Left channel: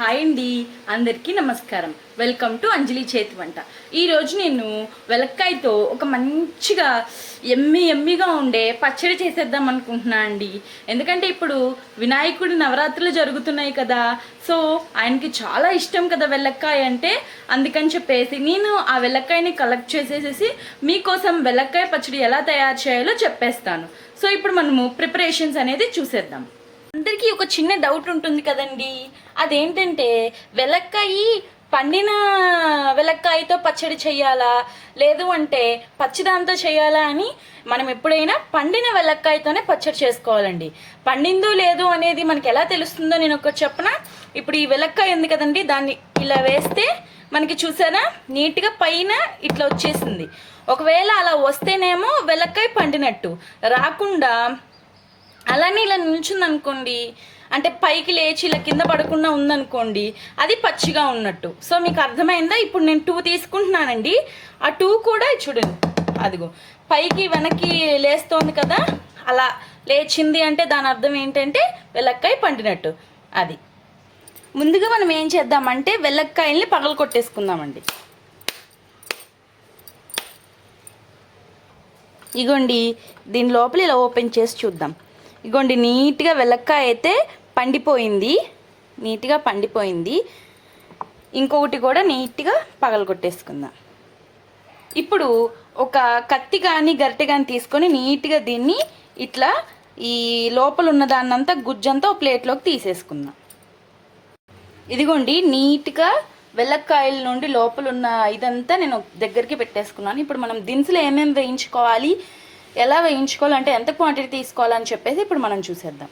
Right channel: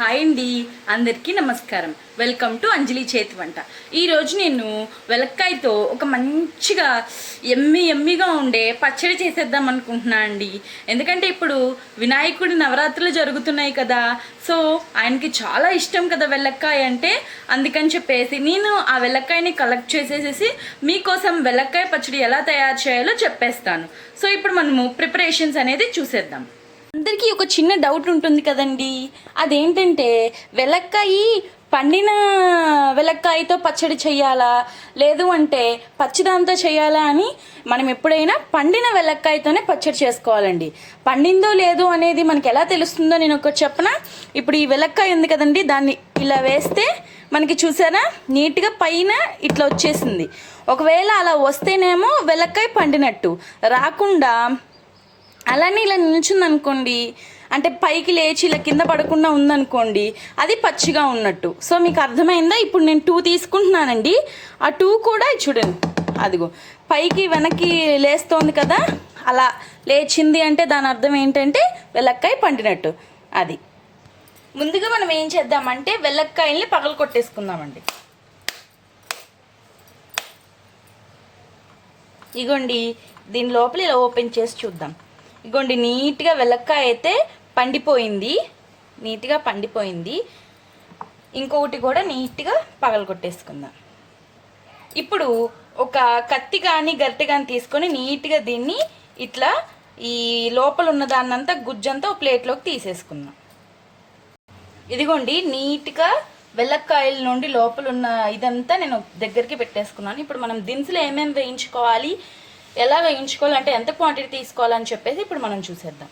Hi అండి అందరికీ నమస్కారం. వెల్కమ్ టు అంజలి చేతి వంట. ఈరోజు నేను వెలక్కాయతో ఒక మంచిగా ఎమ్మి ఎమ్మిగా ఉండే పచ్చడి చేసేద్దాం అనుకుంటున్నా అండి. ఎందుకంటే ఇప్పుడు వినాయకుడి నవరాత్రులు జరుగుతున్నాయి కదా సో ఆయనకి చాలా ఇష్టం కదా వెల్లక్కాయ అంటే అందుకని చెప్పేసి నేను ఆ వెల్లక్కాయని కలెక్ట్ చేసేసేసి మీకోసం వెల్లక్కాయ పచ్చడి ఎలా తయారు చేయాలో చెప్పేస్తాను. సో ఇప్పుడు మనము ప్రిపరేషన్స్ అనేది చూసేద్దాం. అందరికీ ఒక చిన్న డౌట్ ఉంటుంది కదండి. అదేంటంటే వెలక్కాయ పండిన వెలక్కాయతో పచ్చడి చేయాలా? లేదు అంటే పచ్చిదాంతో చేయాలా అని మనం ఎప్పుడైనా పండిన వెలక్కాయతోనే పచ్చడి చేసుకోవాలండి. పండిందో లేదో అనేది మనకి ఎలా తెలుస్తుందో నేను ఒక చెప్పన? ఇప్పుడు ఈ వెలక్కాయ ఉంది కదండి దాన్ని ఇలా వేస్తే మనకి చూసారా? నీట్గా పైన ఇట్లా వచ్చేసింది. ఒకవేళ అలా వస్తేనేమో వెలక్కాయ పండినట్టు. రాకుండా అలానే ఇలా నిల్చుందనుకోండి అంటే పైకి లేచి ఇలా కింద పడకుండా ఉందనుకోండి అది పచ్చిగా ఉన్నట్టు. సో మీకు అర్థమైందా? ఇప్పుడు నేను టూ తీసుకుంటున్నానండి. ఆ టూ కూడా చూడండి. అదిగో పైకి వెనక్కి లేస్తోంది కదా అలా లేచింది అంటే దాని అర్థం ఏంటంటే వెల్లక్కాయ పండినట్టు. అది. ముందుగా మనం ఏం చేద్దామంటే వెల్లక్కాయల్ని పగలు కొట్టేసుకుందామండి. ఇగోండి దీని లోపల ఇలా ఓపెన్ చేసి చూద్దాం. ఇగోండి నీట్గా వెలక్కాయ అయితే పండిపోయింది. నీట్గా పండిపోయింది. ఇంకొకటి కూడా నీట్గా పగలగొట్టేసుకుందాం. ఇప్పుడు ఒక కత్తి కానీ గరిటె కానీ తీసుకొని నీట్గా దీన్ని ఇట్లా ఈ లోపల ఉన్న దాన్నంతా గుజ్జంతా ఒక ప్లేట్లోకి తీసేసుకుందాం. ఇదిగోండి నీట్గా వెల్లక్కాయల నుండి లోపల ఉన్న ఇదంతా నేను దగ్గరికి పెట్టేసుకున్నాను. ఇప్పుడు మనం దినుసులు ఏమేమి వేయించుకోవాలి? ఎలా వేయించుకోవాలంటే ఎంత క్వాంటిటీ తీసుకోవాలని చెప్పేసి ఇప్పుడు మనం చూసేద్దాం.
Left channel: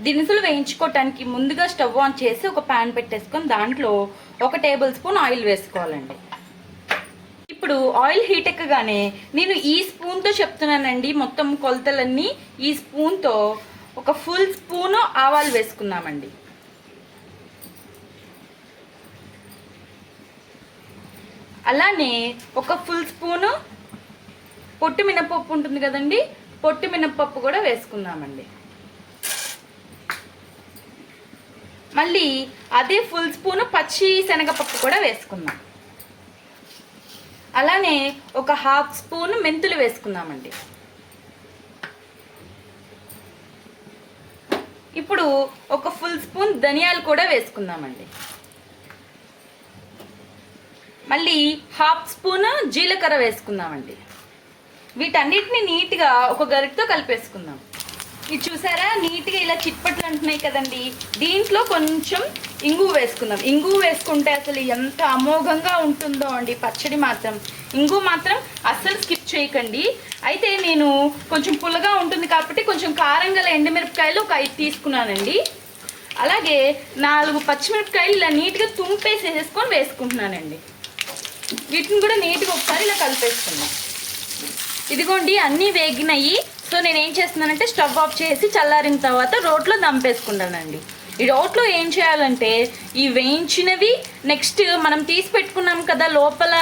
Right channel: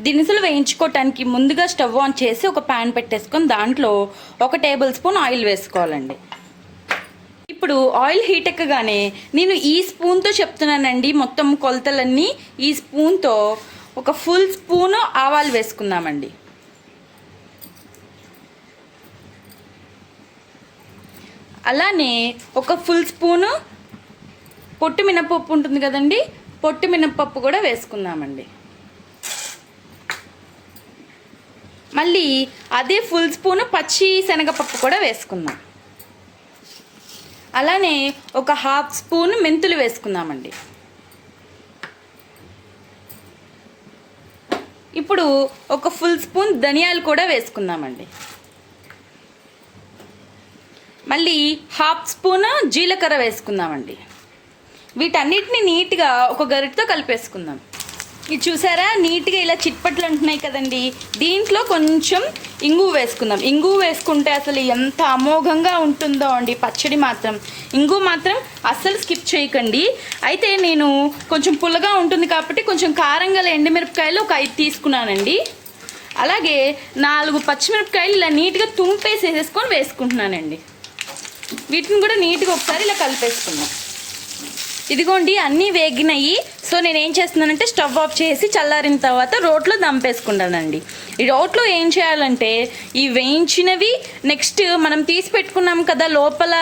దినుసులు వేయించుకోవటానికి ముందుగా స్టవ్ ఆన్ చేసి ఒక ప్యాన్ పెట్టేసుకొని దాంట్లో ఒక టేబుల్ స్పూన్ ఆయిల్ వేసుకోవాలండి. ఇప్పుడు ఆయిల్ హీట్ ఎక్కగానే నేను ఈ స్పూన్తో చెప్తున్నానండి. మొత్తం కొలతలన్నీ ఈ స్పూన్తో ఒక ఫుల్ స్పూన్ ఆవాలు వేసుకుందామండి. అలానే ఒక ఫుల్ స్పూను పొట్టు మినపప్పు ఉంటుంది కదండి పొట్టు మినపప్పు కూడా వేసుకుందామండి. మళ్ళీ అదే ఫుల్ స్పూన్ పచ్చి శనగపప్పు కూడా వేసుకుందాం. అలానే ఒక హాఫ్ స్పూన్ మెంతులు వేసుకుందామండి. ఇప్పుడు ఒక ఫుల్ స్పూన్ ధనియాలు కూడా వేసుకుందామండి. మళ్ళీ హాఫ్ స్పూన్ జీలకర్ర వేసుకుందామండి. వీటన్నిటిని నీట్గా ఒక గరిటతో కలిపేసుకుందాం. ఇది చూసారా? నీట్గా ఇలా చిట్పట్లు అంటున్నాయి కదండి. దీంట్లో కొంచెం ఇంగు వేసుకుందాం. ఇంగు వేసుకుంటే అసలు ఎంత అమోఘంగా ఉంటుందో అండి. పచ్చడి మాత్రం. ఇంగు మాత్రం అస్సలు స్కిప్ చేయకండి. అయితే నేను కొంచెం పుల్లగా ఉంటుంది కాబట్టి కొంచెం కారంగా ఎండుమిరపకాయలు ఒక ఐదు తీసుకున్నానండి. అలాగే నాలుగు పచ్చిమిరపకాయలు ఇలా నీట్గా తుంపేసేసేసుకొని వేసుకుంటున్నానండి. వీటిని కూడా నీట్గా ఒకసారి ఇలా కలిపేసుకుందాం. ఇదిగోండి అన్నీ వేగినాయి. సో నేను ఏం చేస్తున్నానంటే స్టవ్ ఆఫ్ చేసి చల్లారిన తర్వాత రోట్లో దంపేసుకున్నానండి ఈ రోట్లో ఏం చేయాలంటే ఈ వేయించినవి నెక్స్ట్ మనం తీసి పెట్టుకున్నాం కదా లోపల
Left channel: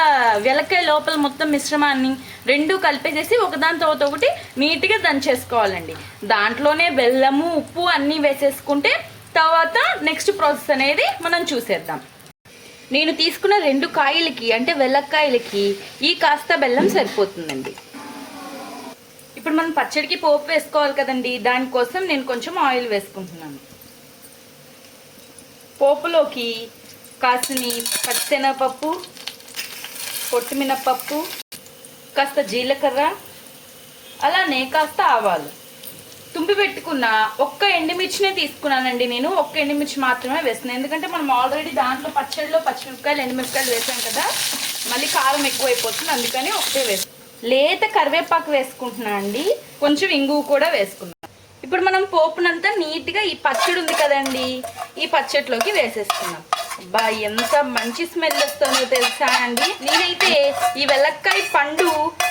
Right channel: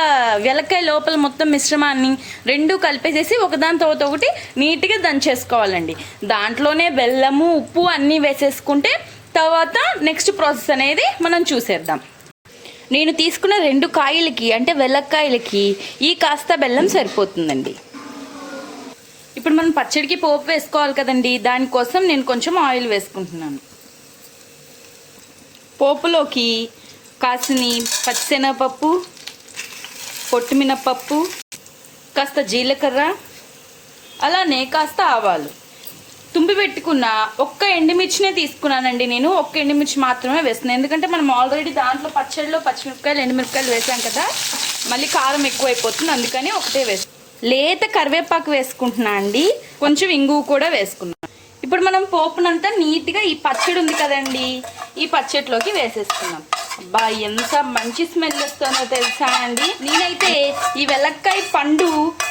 వెలకాయ లోపల మొత్తం మిశ్రమాన్ని రెండు కలిపేసేసి ఒకదాని తర్వాత ఒకటి నీట్గా దంచేసుకోవాలండి. దాంట్లోనే బెల్లము ఉప్పు అన్నీ వేసేసుకుంటే తర్వాత నెక్స్ట్ ప్రాసెస్ అనేది మనం చూసేద్దాం. నేను తీసుకున్న రెండు కాయలకి అంటే వెల్లక్కాయలకి ఈ కాస్త బెల్లం సరిపోతుందండి. ఇప్పుడు మనం పచ్చడికి పోపు వేసుకోవాలి కదండి. దానికోసం నేను కొంచెం ఆయిల్ వేసుకుంటున్నాను. పోపులోకి కాసిని పచ్చిశనగపప్పు పొట్టుమినపప్పు కాస్త జీలకర్ర అలానే కాస్త ఆవాలు. తుంపి పెట్టుకున్న ఒక్క ఎండుమిర్చినే తీసుకున్నానండి నేను. ఒక్క ఎండుమిర్చి మాత్రమే వేస్తున్నాను ఎందుకంటే మనం ఆల్రెడీ దాంట్లో పచ్చడిలో పచ్చిమిరపకాయలు ఎండుమిరపకాయలు వేసాం కదా. మళ్ళీ కారం ఎక్కువైపోతుంది. అందుకని ఒకటే వేస్తాం లేత కరివేపాకు వేసుకుంటున్నా అండి. కొంచెం ఇంగువ కూడా వేసుకున్నాను ఇప్పుడు మనం పోపునంతా నీట్గా ఈ పచ్చడి ఉంది కదండి ఈ పచ్చడిలోకి వేసేసుకున్నాం అబ్బా ఎంత మంచి స్మెల్ వస్తుందో తెలుసా అండి? నేనైతే ఈ వెలక్కాయ పండు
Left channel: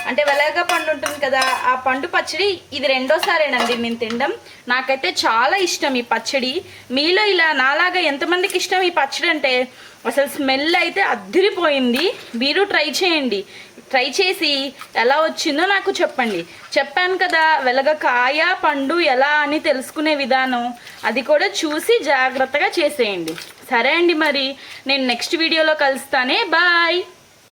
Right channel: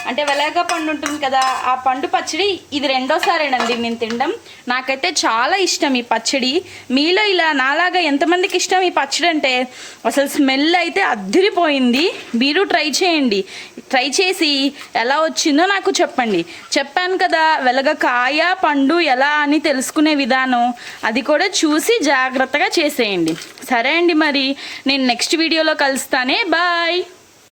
అంటే వెలగ పండు ఉంటుంది కదా ఆ పండు పచ్చడి ఇది రెండోసారేనండి నేను తినడం. నాకైతే చాలా ఇష్టం ఈ పచ్చడి. మీలో ఇలా నాలాగా ఎంతమందికి ఇష్టం ఈ పచ్చడి అంటే? అసలు స్మెల్ అయితే అద్దిరిపోయింది. మీరు ట్రై చేయండి. ట్రై చేసి ఎలా వచ్చిందో నాకు చెప్పండి. చెప్పాను కదా వెలగ కాయ పండు ఎలా అని తెలుసుకునే విధానం. అది కూడా చూసి జాగ్రత్తగా చేసేయండి. సరే అండి మరి నేను నెక్స్ట్ వీడియోలో కలుస్తానే. బాయ్!